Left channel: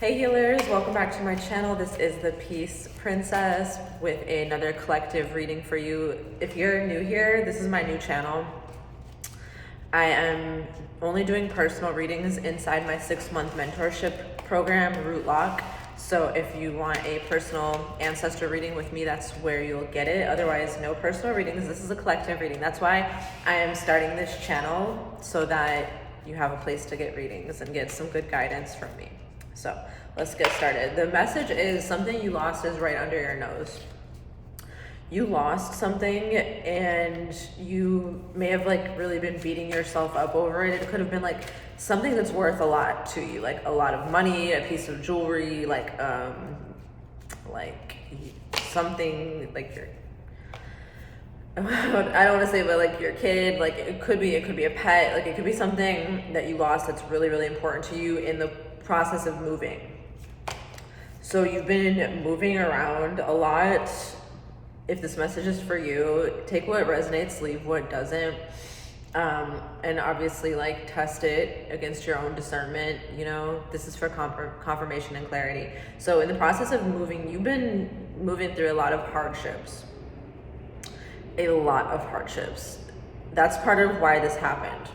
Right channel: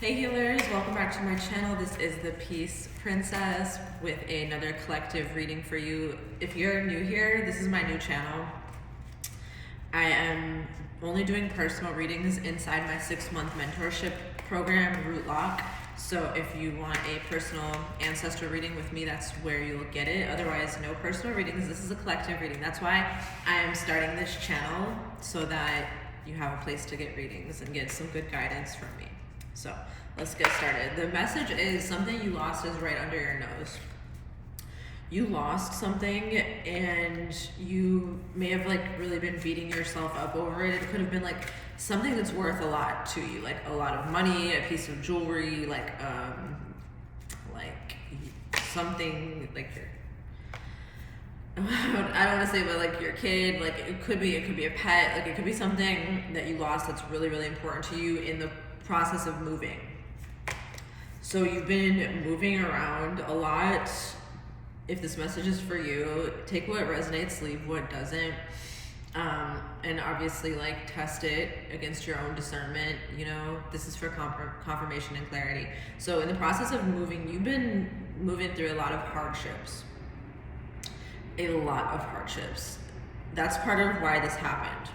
Hey healers, welcome back to my channel. This is the Peace Princess with another collective reading for you. If you're new here, this is my new channel. I am only doing personal readings inside my 6-month mentorship program, Root Lock. So if you want a personal ancestor reading with me, that's where you'll get it. Otherwise, no personal readings. This is a collective reading. That's why I am starting this channel, so that you have a place to get readings and get some good guidance from me. So let's get started. The message is something you lost is right under your nose. You lost something and you may have really been beating yourself up over it. It could have been something that's worth a lot to you, like a lot of money, a piece of jewelry, something like your, I don't want to say, but your kid, it could be a pet, it could be something that you lost that's really, really important to you in the process of moving. So you've been moving around a lot. If this message is for you, take what resonates, leave what doesn't. And obviously test it against your own discernment. This is for confirmation and clarity. So in the process of moving, you've been moving through a lot of hardships. That's part of why this happened.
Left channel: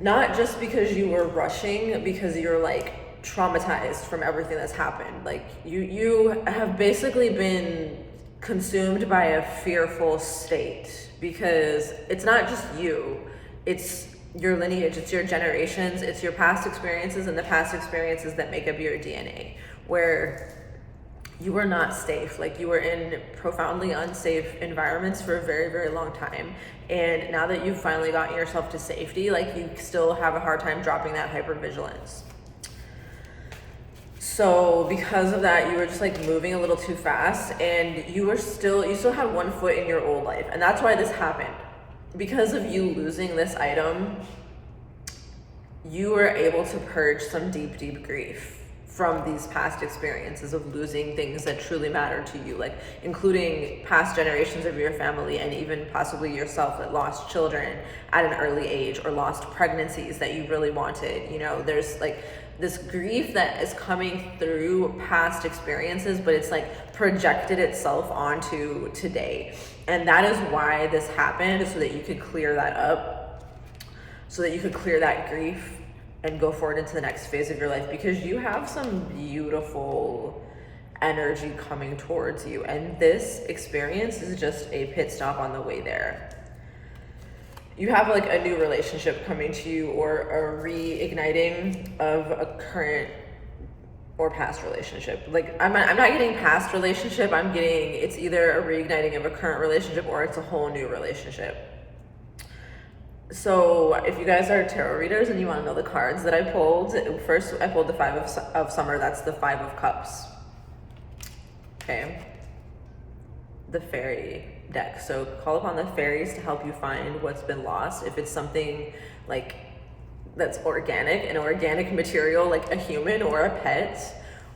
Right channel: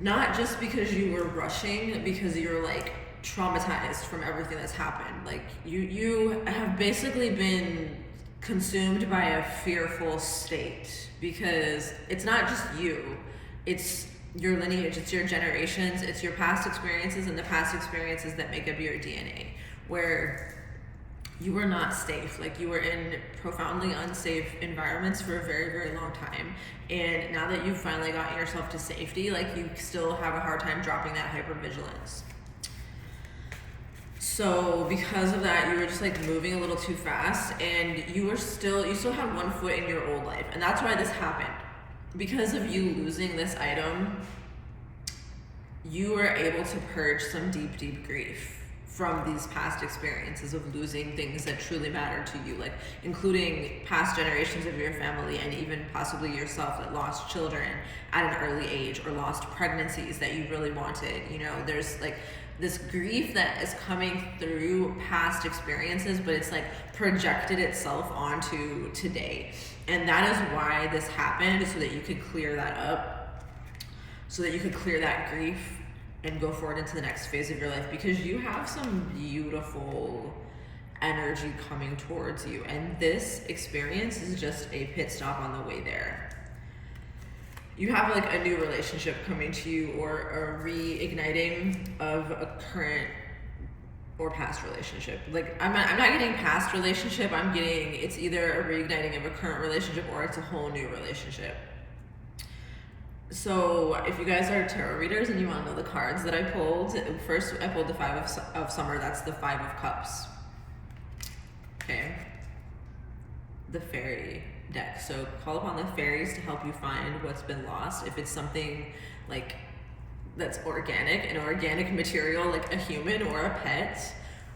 Not just because you were rushing, because you're traumatized from everything that's happened. You have basically been consumed by a fearful state, because it's not just you, it's your lineage, it's your generations, it's your past experiences and the past experiences that make up your DNA, where you were not safe. You were in profoundly unsafe environments for a very, very long time. And now that you've finally gotten yourself to safety, you still have a hard time dropping that hypervigilance. So because of that, you were just moving a little too fast, and you still have one foot in your old life. And that's why this happened. Because of you losing this item, you were able to purge some deep, deep grief from these past experiences of losing things that truly matter to you, including past generations of your family, and even possibly yourself that lost children at an early age, or lost pregnancies that you really wanted. There's this grief that is coming through past experiences, but it's projected itself onto today. And that is why this happened, so that you could clear that up, so that you could clear that grief and go forward into the next phase of your life, because you have some beautiful energy coming towards you, and this experience is just a pit stop on the way there. You have a new relationship coming to you, or a reigniting of a current or past relationship. I'm not getting past relationship, I'm getting it's either a reigniting of a current relationship, or it's a whole new relationship. So if you guys are tarot readers and you want to know the cards that I pulled, first I pulled the Five of Summer. That's the 5 of Cups. Okay. The fairy deck. So call upon the fairies to help you find what's been lost. If it's something that's organic, an organic material, like a human or a pet,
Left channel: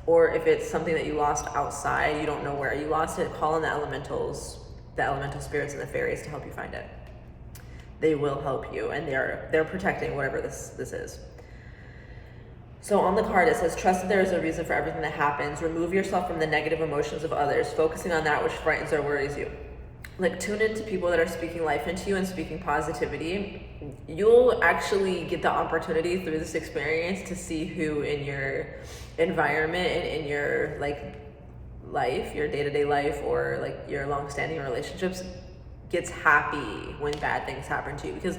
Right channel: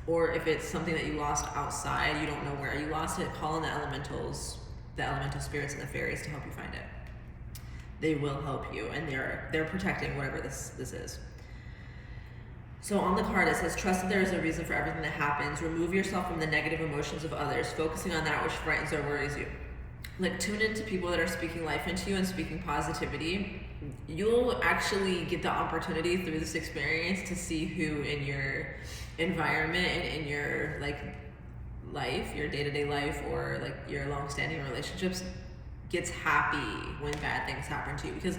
or if it's something that you lost outside, you don't know where you lost it, call on the elemental spirits and the fairies to help you find it. They will help you, and they're protecting whatever this is. So on the card it says, trust that there is a reason for everything that happens. Remove yourself from the negative emotions of others, focusing on that which frightens or worries you. Tune into people that are speaking life into you and speaking positivity. You'll actually get the opportunity through this experience to see who in your environment and in your life, your day-to-day life, or your long-standing relationships, gets happy when bad things happen to you, because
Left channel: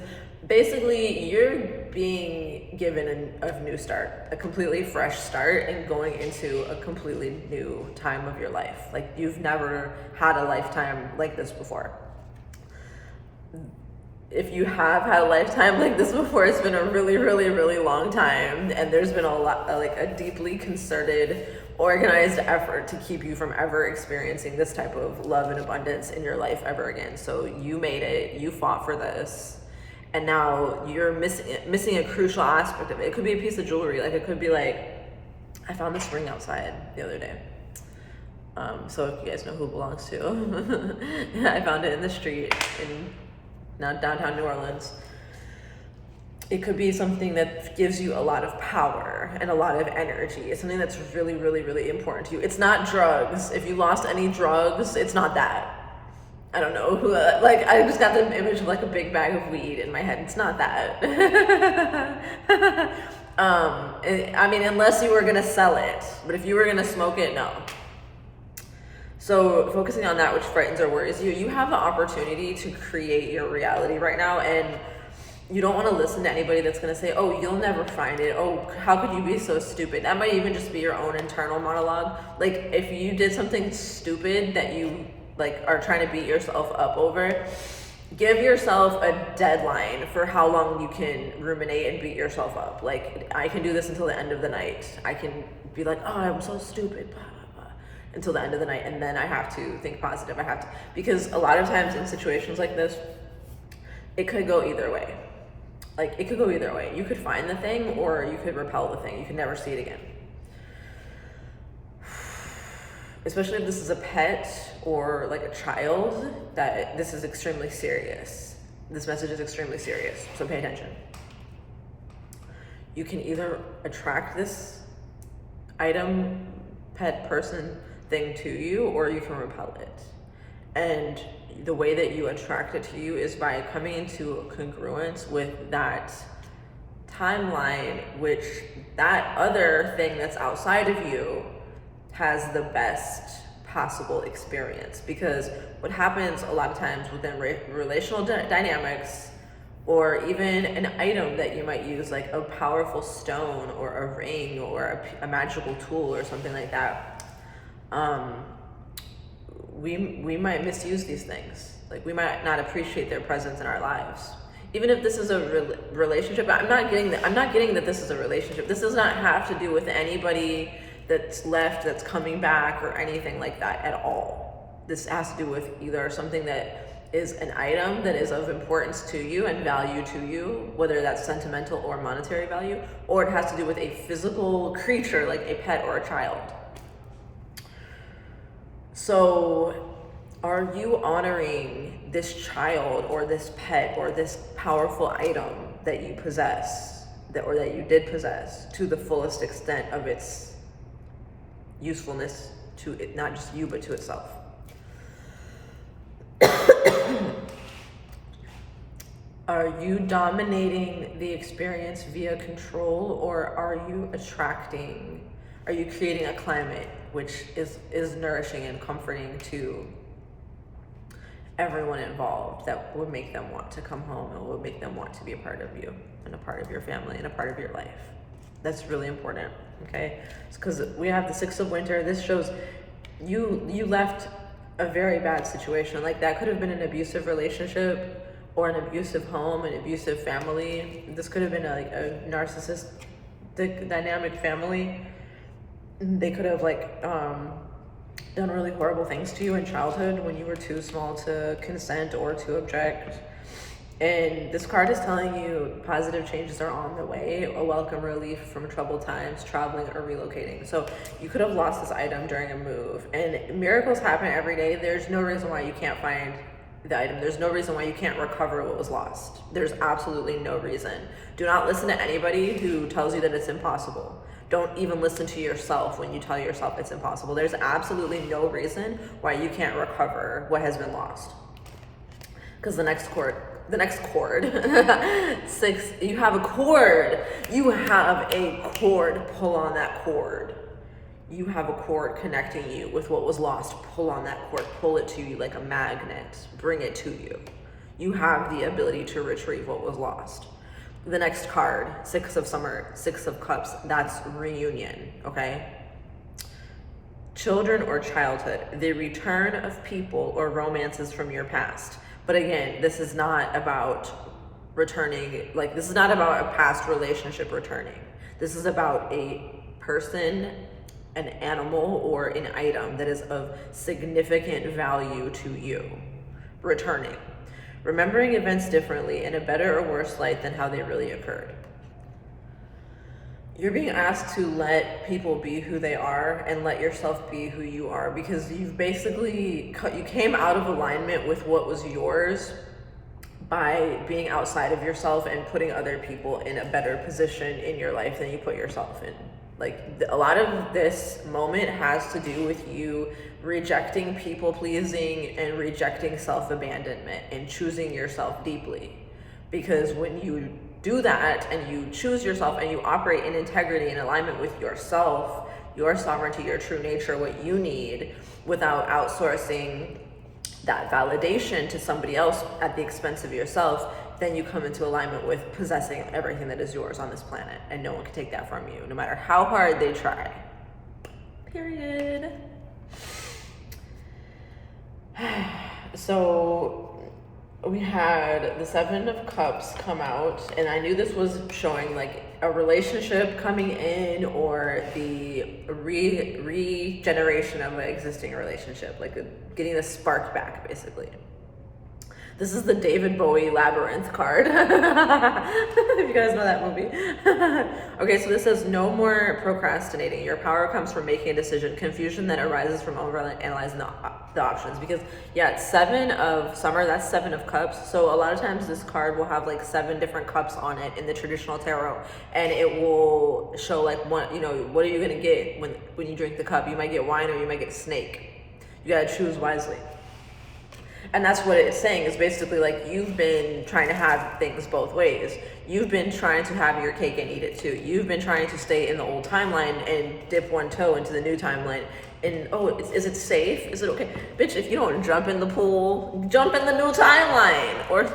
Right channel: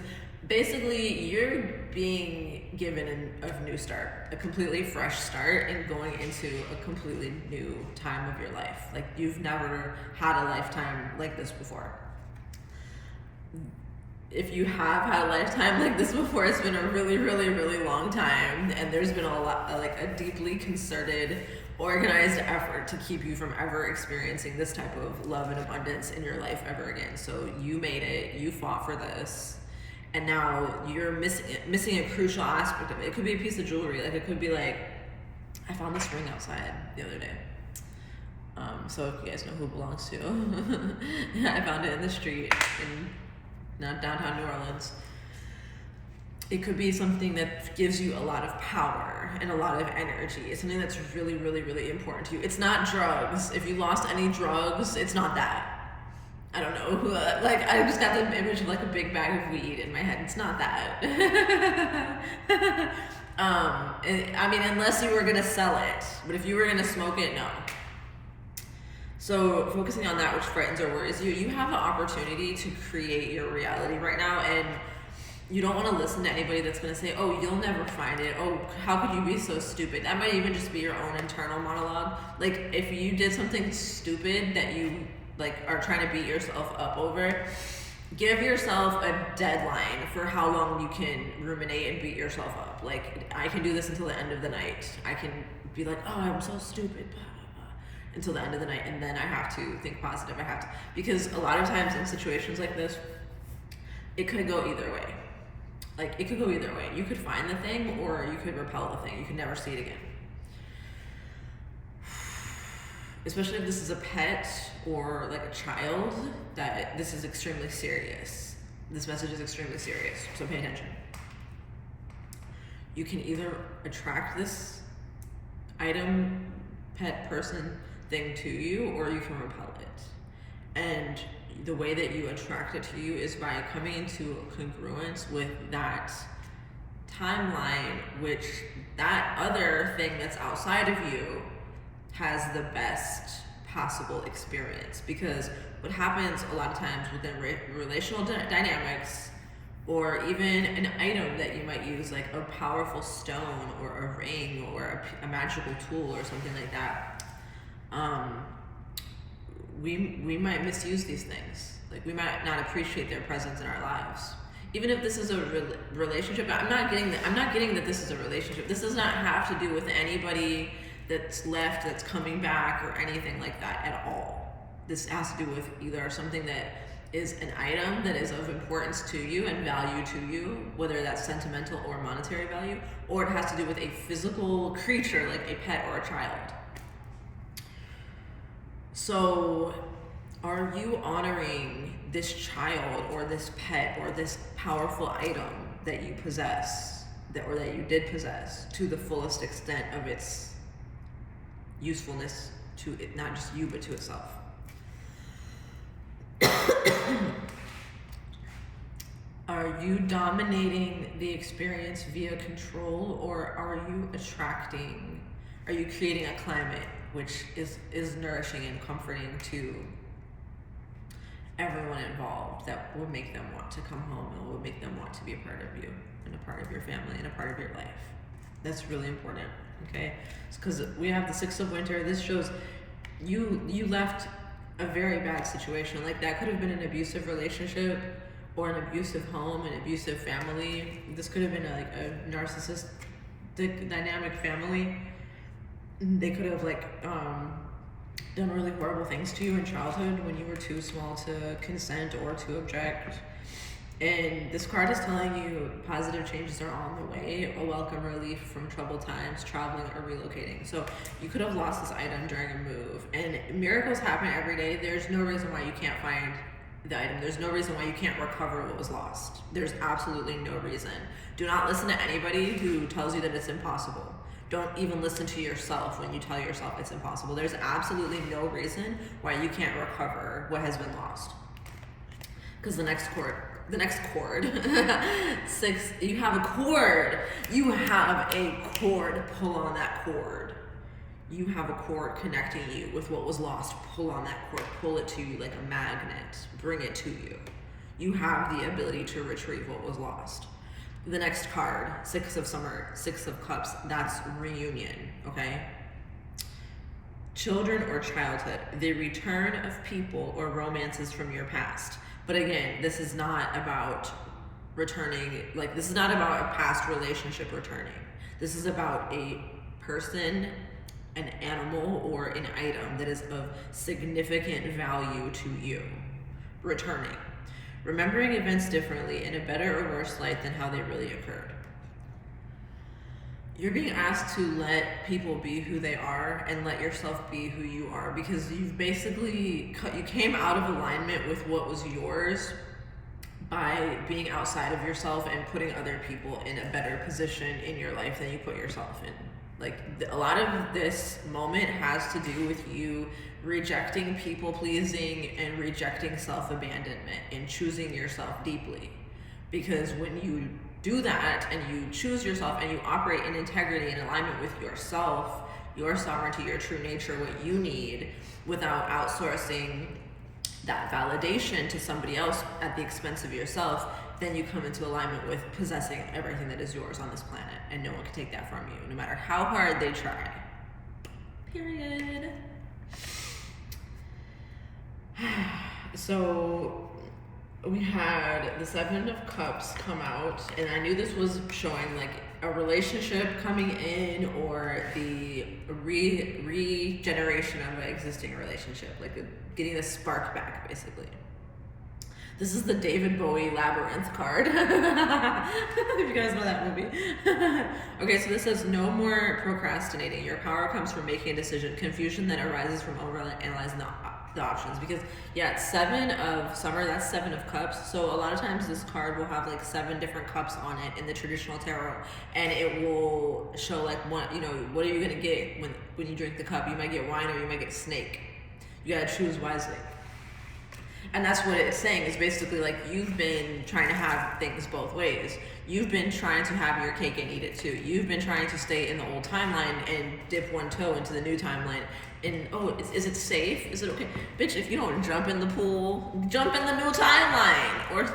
basically you're being given a new start, a completely fresh start, and going into a completely new time of your life. You've never had a lifetime like this before. If you have had a lifetime like this before, it's been a really, really, really long time, and there's been a deeply concerted, organized effort to keep you from ever experiencing this type of love and abundance in your life ever again. So you made it, you fought for this, and now you're missing a crucial aspect of it. It could be a piece of jewelry, it could be I found this ring outside the other day. So if you guys know who it belongs to, I found it in the street in downtown New Orleans. It could be something that gives you a lot of power and a lot of energy. It's something that's really, really, really important to you. It's not drugs. If you lost any drugs, it's not that. I don't know who, like, I just got the image of like a big bag of weed in my head. It's not that. I mean, unless you were gonna sell it, but if you were gonna smoke it, no. So focusing on that which frightens or worries you, you have the opportunity to create your reality right now, and you don't want to listen to anybody that's going to say, oh, you'll never find it. Oh, how could you be so stupid? That might even just be your own internal monologue. Like, if you did something stupid that you like are trying to beat yourself up over, give yourself a deadline for how long you can ruminate and beat yourself up. Like, I can do this until the end of the night. I can be like, oh, I'm so stupid, blah, blah, blah, until the end of the night, and then I have to think positive. I have to, because a lot of times in situations like this, it could go either way. Like, it could go either way. You could find the thing, or you could repel the thing. You could never see it again. Especially if this is a pet or like a child, that this is extremely serious. This message is extremely serious, so pay attention. You can either attract this item, pet, person, thing to you, or you can repel it. And the way that you attract it to you is by coming into congruence with that timeline, which that other thing that's outside of you has the best possible experience. Because what happens a lot of times within relational dynamics, or even an item that you might use, like a powerful stone or a ring or a magical tool or something like that, we might misuse these things. Like, we might not appreciate their presence in our lives. Even if this is a relationship, I'm not getting that this is a relationship. This does not have to do with anybody that's left, that's coming back, or anything like that at all. This has to do with either something that is an item that is of importance to you and value to you, whether that's sentimental or monetary value, or it has to do with a physical creature like a pet or a child. So, are you honoring this child or this pet or this powerful item that you possess, or that you did possess, to the fullest extent of its usefulness to it, not just you, but to itself? Are you dominating the experience via control, or are you creating a climate which is nourishing and comforting to everyone involved, that would make them want to come home and would make them want to be a part of you and a part of your family and a part of your life? That's really important, okay? Because we have the Six of Winter. This shows you left a very bad situation. Like, that could have been an abusive relationship, or an abusive home, an abusive family. This could have been a narcissistic dynamic family. They could have done really horrible things to you in childhood when you were too small to consent or to object. And this card is telling you positive changes are on the way, a welcome relief from troubled times, traveling or relocating. So you could have lost this item during a move, and miracles happen every day. There's no reason why you can't find the item. There's no reason why you can't recover what was lost. There's absolutely no reason. Do not listen to anybody who tells you that it's impossible. Don't even listen to yourself when you tell yourself it's impossible. There's absolutely no reason why you can't recover what has been lost. Because the next cord, six, you have a cord. You have a cord. Pull on that cord. You have a cord connecting you with what was lost. Pull on that cord. Pull it to you like a magnet. Bring it to you. You have the ability to retrieve what was lost. The next card, Six of Summer, Six of Cups, that's reunion, okay? Children or childhood, the return of people or romances from your past. But again, this is not about returning, like, this is not about a past relationship returning. This is about a person, an animal, or an item that is of significant value to you returning. Remembering events differently, in a better or worse light than how they really occurred. You're being asked to let people be who they are and let yourself be who you are, because you've basically, you came out of alignment with what was yours by being outside of yourself and putting other people in a better position in your life than you put yourself in. Like, a lot of this moment has to do with you rejecting people pleasing and rejecting self-abandonment and choosing yourself deeply. Because when you do that and you choose yourself and you operate in integrity and alignment with yourself, your sovereignty, your true nature, what you need, without outsourcing that validation to somebody else at the expense of yourself, then you come into alignment with possessing everything that is yours on this planet, and no one can take that from you, no matter how hard they try. Period. So we had the Seven of Cups come out, and I knew this was showing like a relationship coming in, or the regeneration of an existing relationship, like getting the spark back, basically. This is the David Bowie Labyrinth card. If you guys know that movie. Okay, so this says, no more procrastinating. Your power comes from making a decision. Confusion that arises from overanalyzing the options. Because, yeah, it's Seven of Summer, that's Seven of Cups. So a lot of times this card will have like 7 different cups on it in the traditional tarot. And it will show like, what are you going to get when you drink the cup? You might get wine, or you might get snake. You got to choose wisely. And that's what it's saying, is basically like, you've been trying to have things both ways. You've been trying to have your cake and eat it too. You've been trying to stay in the old timeline and dip one toe into the new timeline. And, oh, is it safe? Is it okay? Bitch, if you don't jump in the pool, jump in the new timeline. Or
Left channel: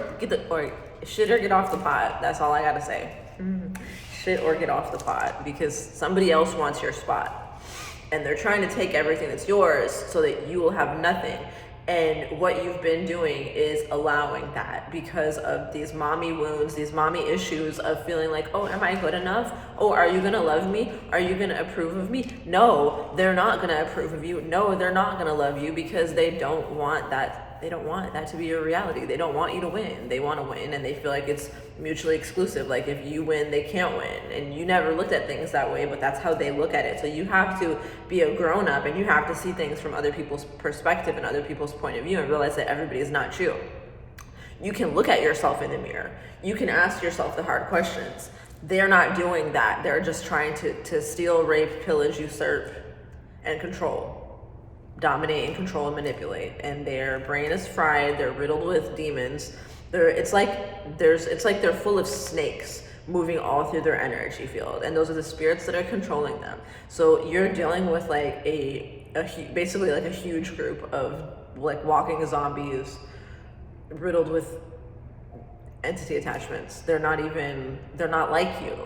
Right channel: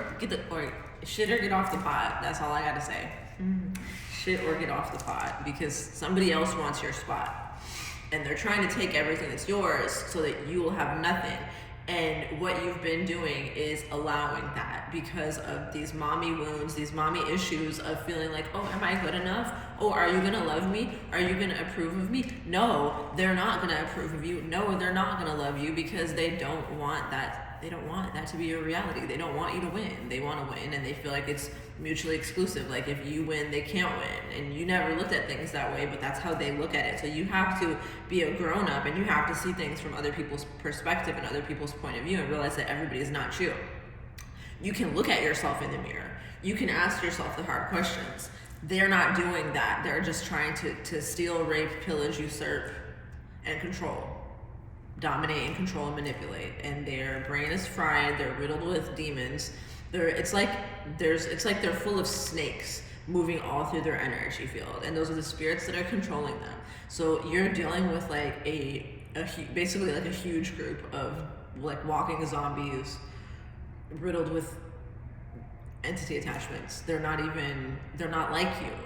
shit or get off the pot. That's all I gotta say. Shit or get off the pot, because somebody else wants your spot. And they're trying to take everything that's yours so that you will have nothing. And what you've been doing is allowing that, because of these mommy wounds, these mommy issues of feeling like, oh, am I good enough? Oh, are you gonna love me? Are you gonna approve of me? No, they're not gonna approve of you. No, they're not gonna love you, because they don't want that. They don't want that to be your reality. They don't want you to win. They want to win, and they feel like it's mutually exclusive. Like, if you win, they can't win. And you never looked at things that way, but that's how they look at it. So you have to be a grown-up, and you have to see things from other people's perspective and other people's point of view, and realize that everybody is not you. You can look at yourself in the mirror. You can ask yourself the hard questions. They're not doing that. They're just trying to steal, rape, pillage, usurp, and control. Dominate and control and manipulate, and their brain is fried. They're riddled with demons. It's like they're full of snakes moving all through their energy field, and those are the spirits that are controlling them. So you're dealing with like basically like a huge group of like walking zombies, riddled with entity attachments. They're not like you.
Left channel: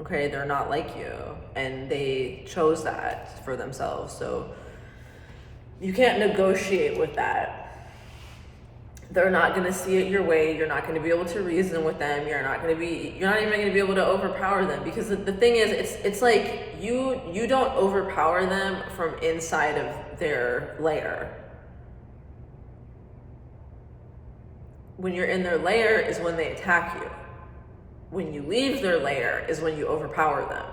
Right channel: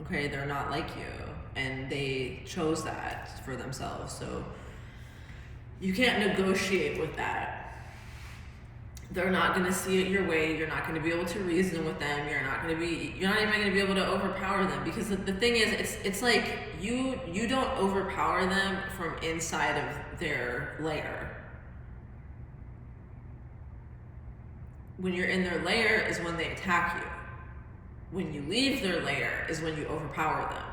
Okay, they're not like you, and they chose that for themselves. So you can't negotiate with that. They're not going to see it your way. You're not going to be able to reason with them. You're not even going to be able to overpower them, because the thing is, it's like you don't overpower them from inside of their lair. When you're in their lair is when they attack you. When you leave their lair is when you overpower them,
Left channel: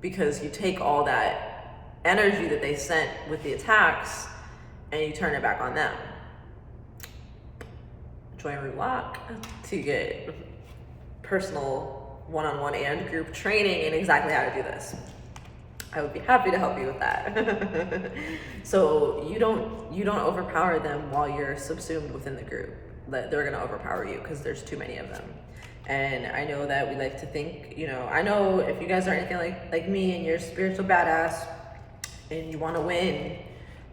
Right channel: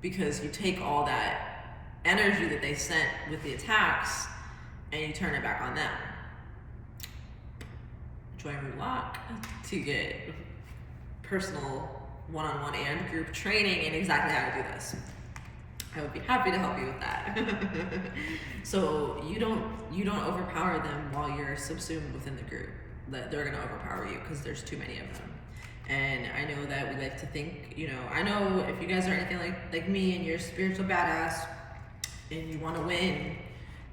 because you take all that energy that they sent with the attacks and you turn it back on them. Join Root Lock to get personal one-on-one and group training in exactly how to do this. I would be happy to help you with that. So you don't overpower them while you're subsumed within the group. They're gonna overpower you because there's too many of them. And I know that we like to think, I know if you guys are anything like me and you're a spiritual badass and you want to win,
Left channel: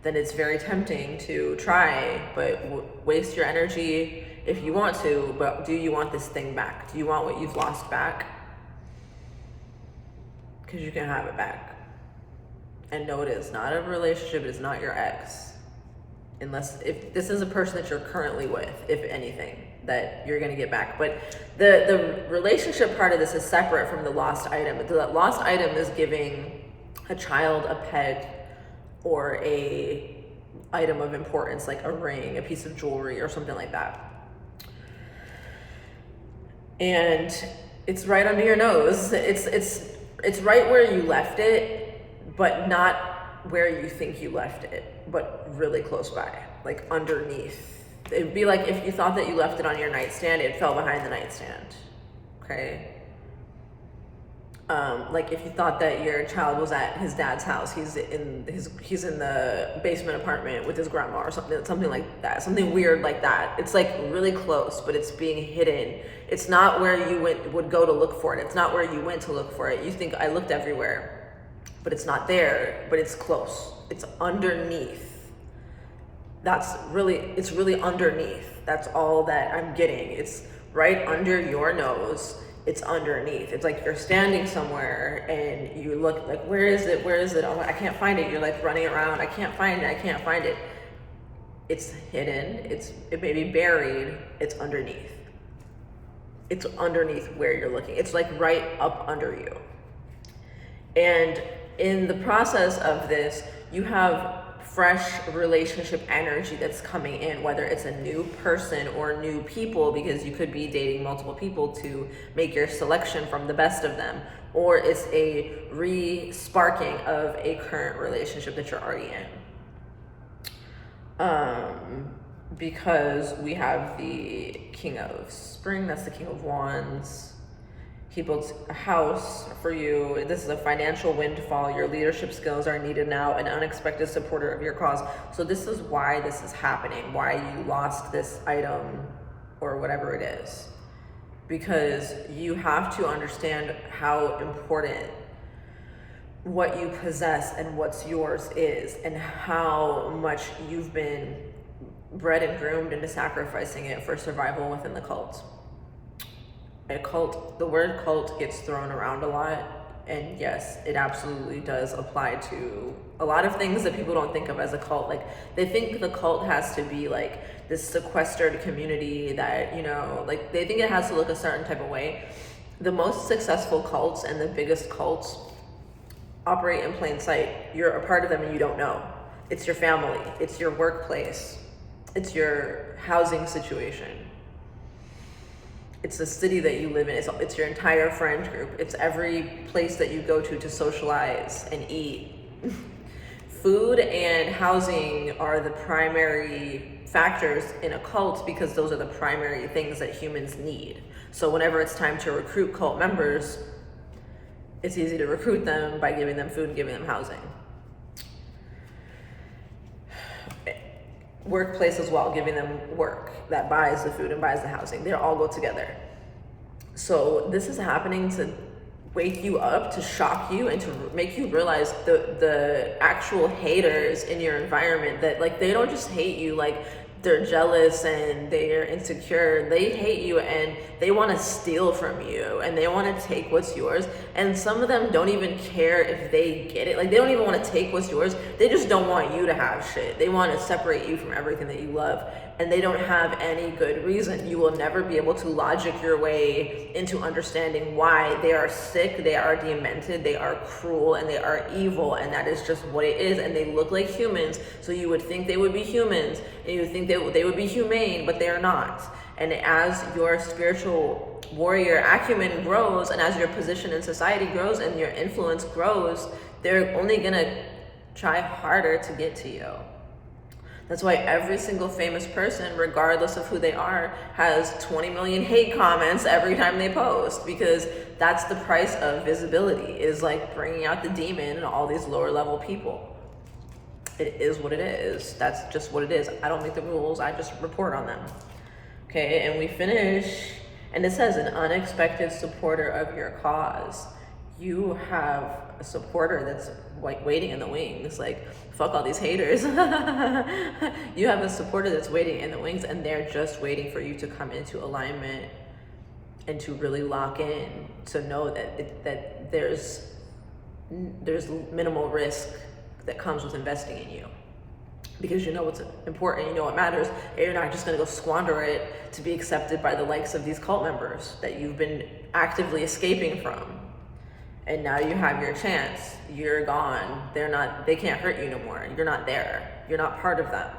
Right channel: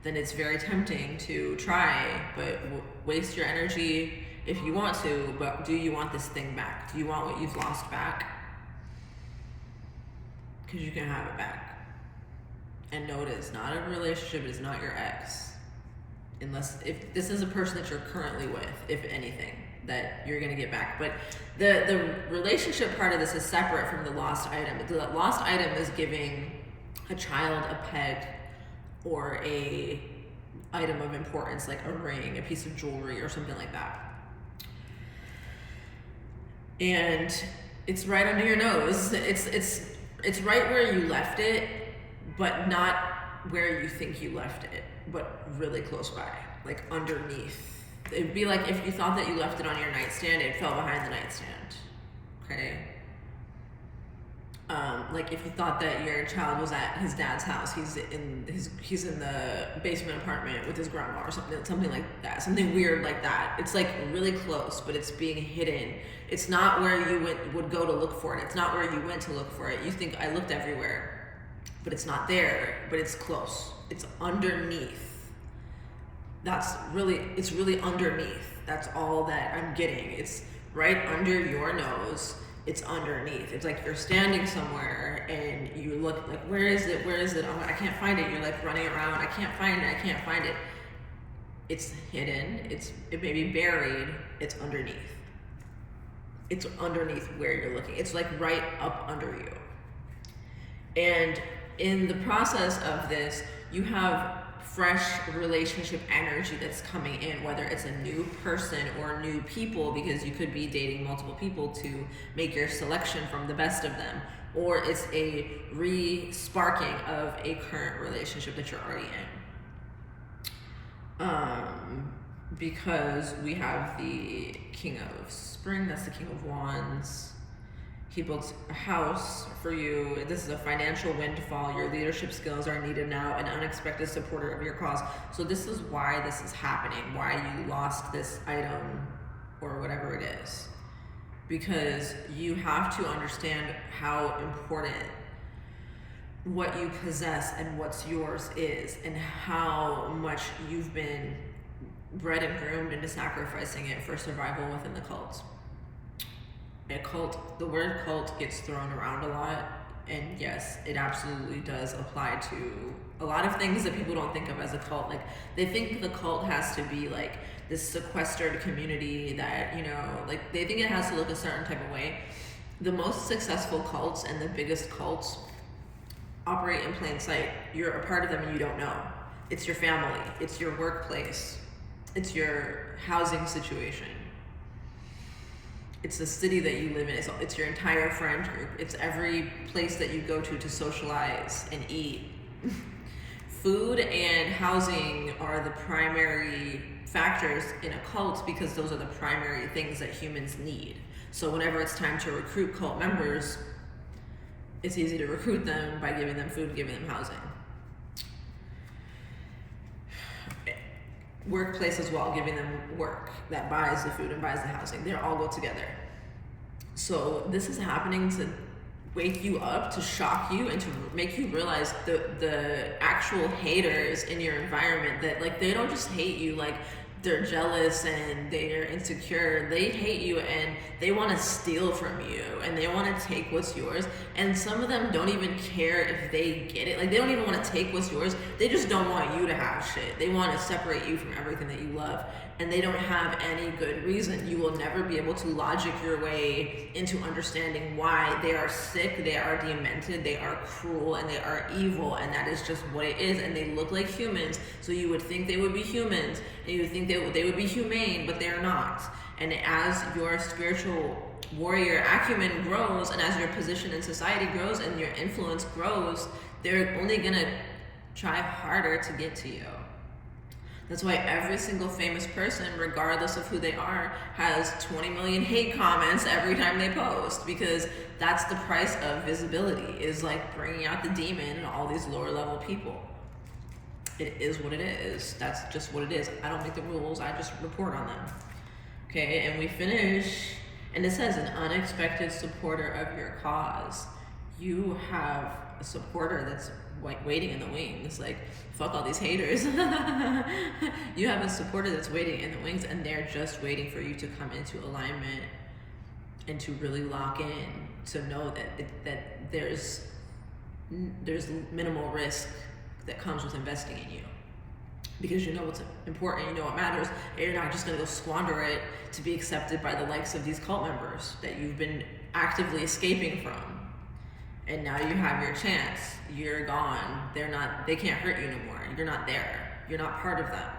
then it's very tempting to try, but waste your energy if you want to. But do you want this thing back? Do you want what you've lost back? Because you can have it back. And no, it is not a relationship. It is not your ex. If this is a person that you're currently with, if anything, that you're going to get back. But the relationship part of this is separate from the lost item. The lost item is giving a child a pet or a item of importance, like a ring, a piece of jewelry, or something like that. And it's right under your nose. It's right where you left it, but not where you think you left it, but really close by, like underneath It'd be like if you thought that you left it on your nightstand, it fell behind the nightstand. Okay. Like if you thought that your child was at his dad's house, he's in the basement apartment with his grandma or something like that, something weird like that. It's like really close, but it's being hidden. It's not where you would go to look for it. It's not where you went to look for it. You think I looked everywhere, but it's not there, but it's close. It's underneath. It's really underneath. That's all that I'm getting. It's right under your nose. It's underneath. It's like you're standing somewhere and you look like, where is it? Oh, I can't find it. You're like running around. I can't find it. It's hidden. It may be buried. It's underneath. It's underneath where you're looking. It's like right up under you. And in the process of this, you have fresh relationship energy that's coming in, whether it's a new person or new people, because you could be dating multiple people to make your selection from the best of them, or it's a re-sparking of a current relationship that you're already in. Because we have the King of Spring, that's the King of Wands. He builds a house for you. This is a financial windfall. Your leadership skills are needed now, an unexpected supporter of your cause. So this is why this is happening, why you lost this item or whatever it is. Because you have to understand how important what you possess and what's yours is, and how much you've been bred and groomed into sacrificing it for survival within the cult. The word cult gets thrown around a lot, and yes, it absolutely does apply to a lot of things that people don't think of as a cult. Like, they think the cult has to be like this sequestered community that, like they think it has to look a certain type of way. The most successful cults and the biggest cults operate in plain sight. You're a part of them and you don't know. It's your family, it's your workplace, it's your housing situation. It's the city that you live in. It's your entire friend group. It's every place that you go to socialize and eat. Food and housing are the primary factors in a cult, because those are the primary things that humans need. So whenever it's time to recruit cult members, it's easy to recruit them by giving them food and giving them housing. Workplace as well, giving them work that buys the food and buys the housing. They all go together. So this is happening to wake you up, to shock you, and to make you realize the actual haters in your environment, that like they don't just hate you like they're jealous and they're insecure. They hate you and they want to steal from you and they want to take what's yours. And some of them don't even care if they get it. Like, they don't even want to take what's yours. They just don't want you to have shit. They want to separate you from everything that you love. And they don't have any good reason. You will never be able to logic your way into understanding why. They are sick, they are demented, they are cruel, and they are evil, and that is just what it is. And they look like humans, so you would think they would be humans, and you would think they would be humane, but they are not. And as your spiritual warrior acumen grows, and as your position in society grows, and your influence grows, they're only gonna try harder to get to you. That's why every single famous person, regardless of who they are, has 20 million hate comments every time they post, because that's the price of visibility, is like bringing out the demon in all these lower level people. It is what it is. That's just what it is. I don't make the rules, I just report on them. Okay, and we finish, and it says, an unexpected supporter of your cause. You have a supporter that's like waiting in the wings, like, fuck all these haters. You have a supporter that's waiting in the wings, and they're just waiting for you to come into alignment and to really lock in, to know that there's minimal risk that comes with investing in you, because you know what's important, you know what matters, and you're not just gonna go squander it to be accepted by the likes of these cult members that you've been actively escaping from. And now you have your chance. You're gone. They can't hurt you no more. You're not there. You're not part of them.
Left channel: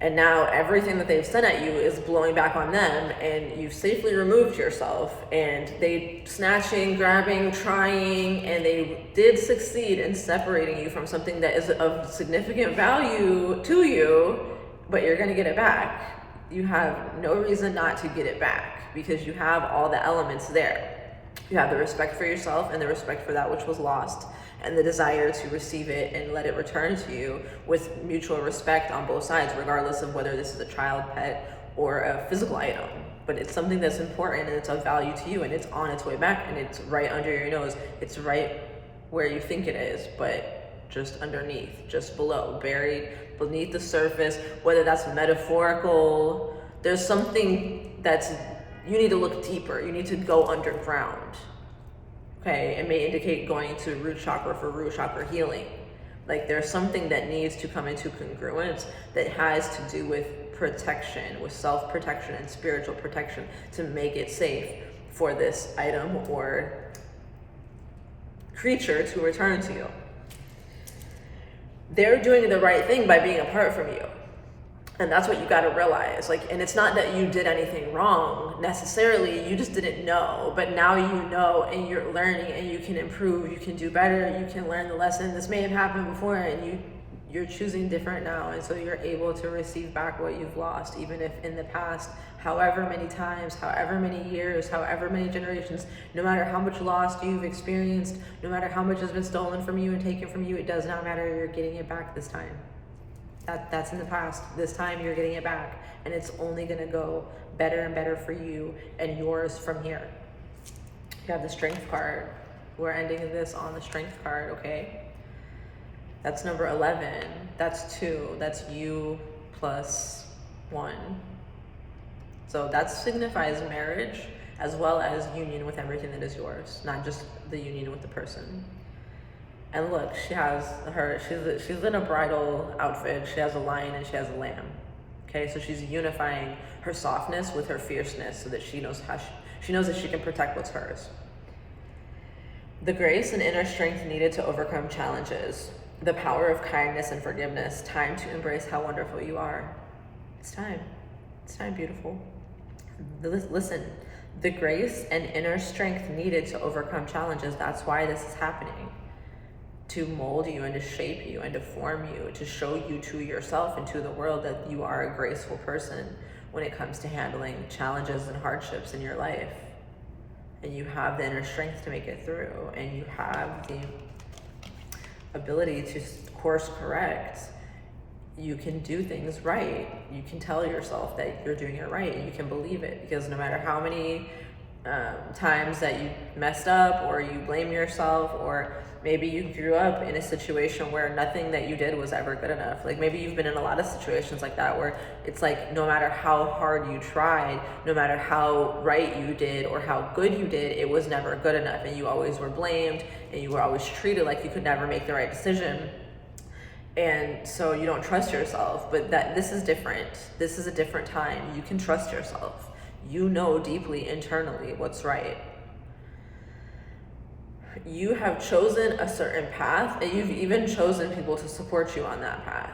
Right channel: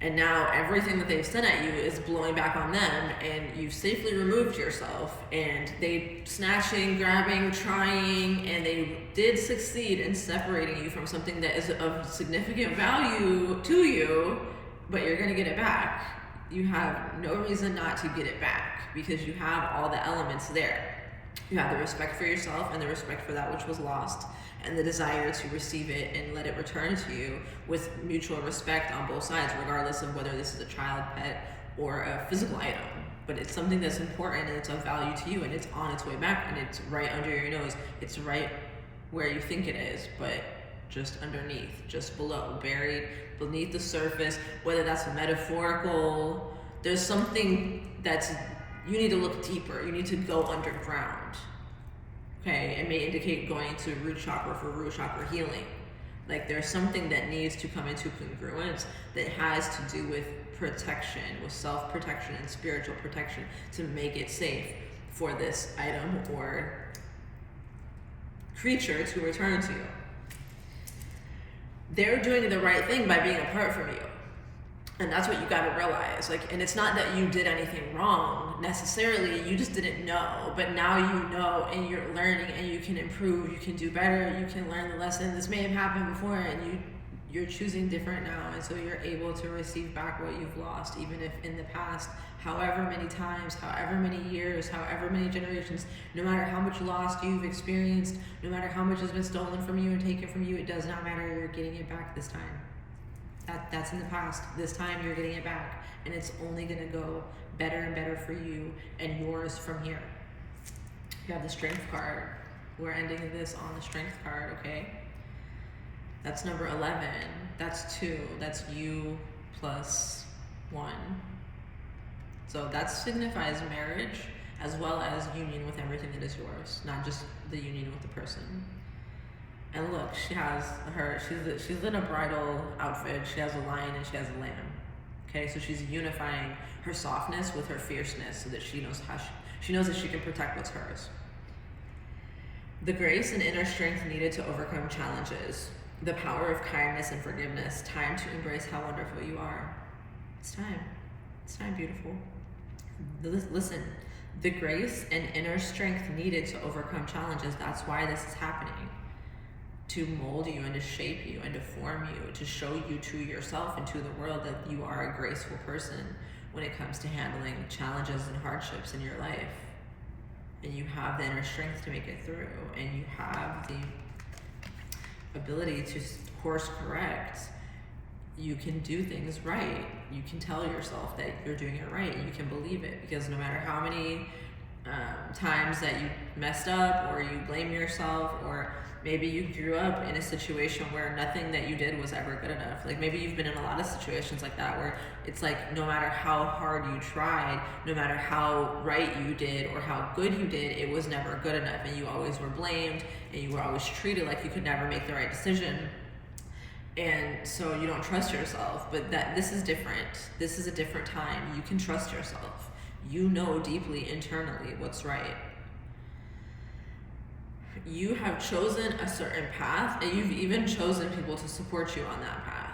And now everything that they've sent at you is blowing back on them, and you've safely removed yourself, and they snatching, grabbing, trying, and they did succeed in separating you from something that is of significant value to you, but you're going to get it back. You have no reason not to get it back because you have all the elements there. You have the respect for yourself and the respect for that which was lost, and the desire to receive it and let it return to you with mutual respect on both sides, regardless of whether this is a child, pet, or a physical item. But it's something that's important and it's of value to you, and it's on its way back, and it's right under your nose. It's right where you think it is, but just underneath, just below, buried beneath the surface, whether that's metaphorical. There's something that's, you need to look deeper. You need to go underground. Okay, it may indicate going to root chakra for root chakra healing. Like there's something that needs to come into congruence that has to do with protection, with self-protection and spiritual protection to make it safe for this item or creature to return to you. They're doing the right thing by being apart from you. And that's what you got to realize. Like, and it's not that you did anything wrong necessarily, you just didn't know. But now you know, and you're learning, and you can improve, you can do better, you can learn the lesson. This may have happened before, and you're choosing different now, and so you're able to receive back what you've lost, even if in the past, however many times, however many years, however many generations, no matter how much loss you've experienced, no matter how much has been stolen from you and taken from you, it does not matter. You're getting it back this time. That's in the past. This time you're getting it back, and it's only going to go better and better for you and yours from here. You have the strength card. We're ending this on the strength card, okay? That's number 11. That's 2. That's you plus 1. So that signifies marriage as well as union with everything that is yours, not just the union with the person. And look, she has she's in a bridal outfit. She has a lion and she has a lamb. Okay, so she's unifying her softness with her fierceness so that she knows she knows that she can protect what's hers. The grace and inner strength needed to overcome challenges. The power of kindness and forgiveness. Time to embrace how wonderful you are. It's time. It's time, beautiful. Listen, the grace and inner strength needed to overcome challenges. That's why this is happening. To mold you and to shape you and to form you, to show you to yourself and to the world that you are a graceful person when it comes to handling challenges and hardships in your life. And you have the inner strength to make it through, and you have the ability to course correct. You can do things right. You can tell yourself that you're doing it right, and you can believe it, because no matter how many times that you messed up or you blame yourself, or maybe you grew up in a situation where nothing that you did was ever good enough. Like maybe you've been in a lot of situations like that where it's like no matter how hard you tried, no matter how right you did or how good you did, it was never good enough, and you always were blamed and you were always treated like you could never make the right decision. And so you don't trust yourself. But this is different. This is a different time. You can trust yourself. You know deeply internally what's right. You have chosen a certain path, and you've even chosen people to support you on that path.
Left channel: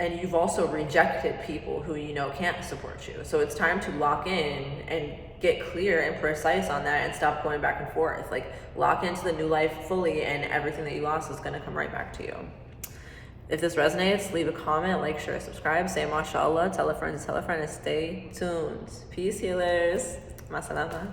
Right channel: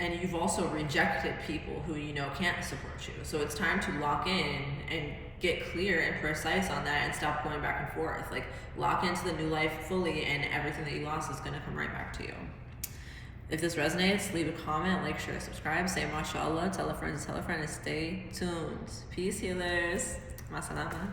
And you've also rejected people who you know can't support you. So it's time to lock in and get clear and precise on that and stop going back and forth. Like lock into the new life fully, and everything that you lost is going to come right back to you. If this resonates, leave a comment, like, share, subscribe, say mashallah, tell a friend, and stay tuned. Peace, healers. Masalama.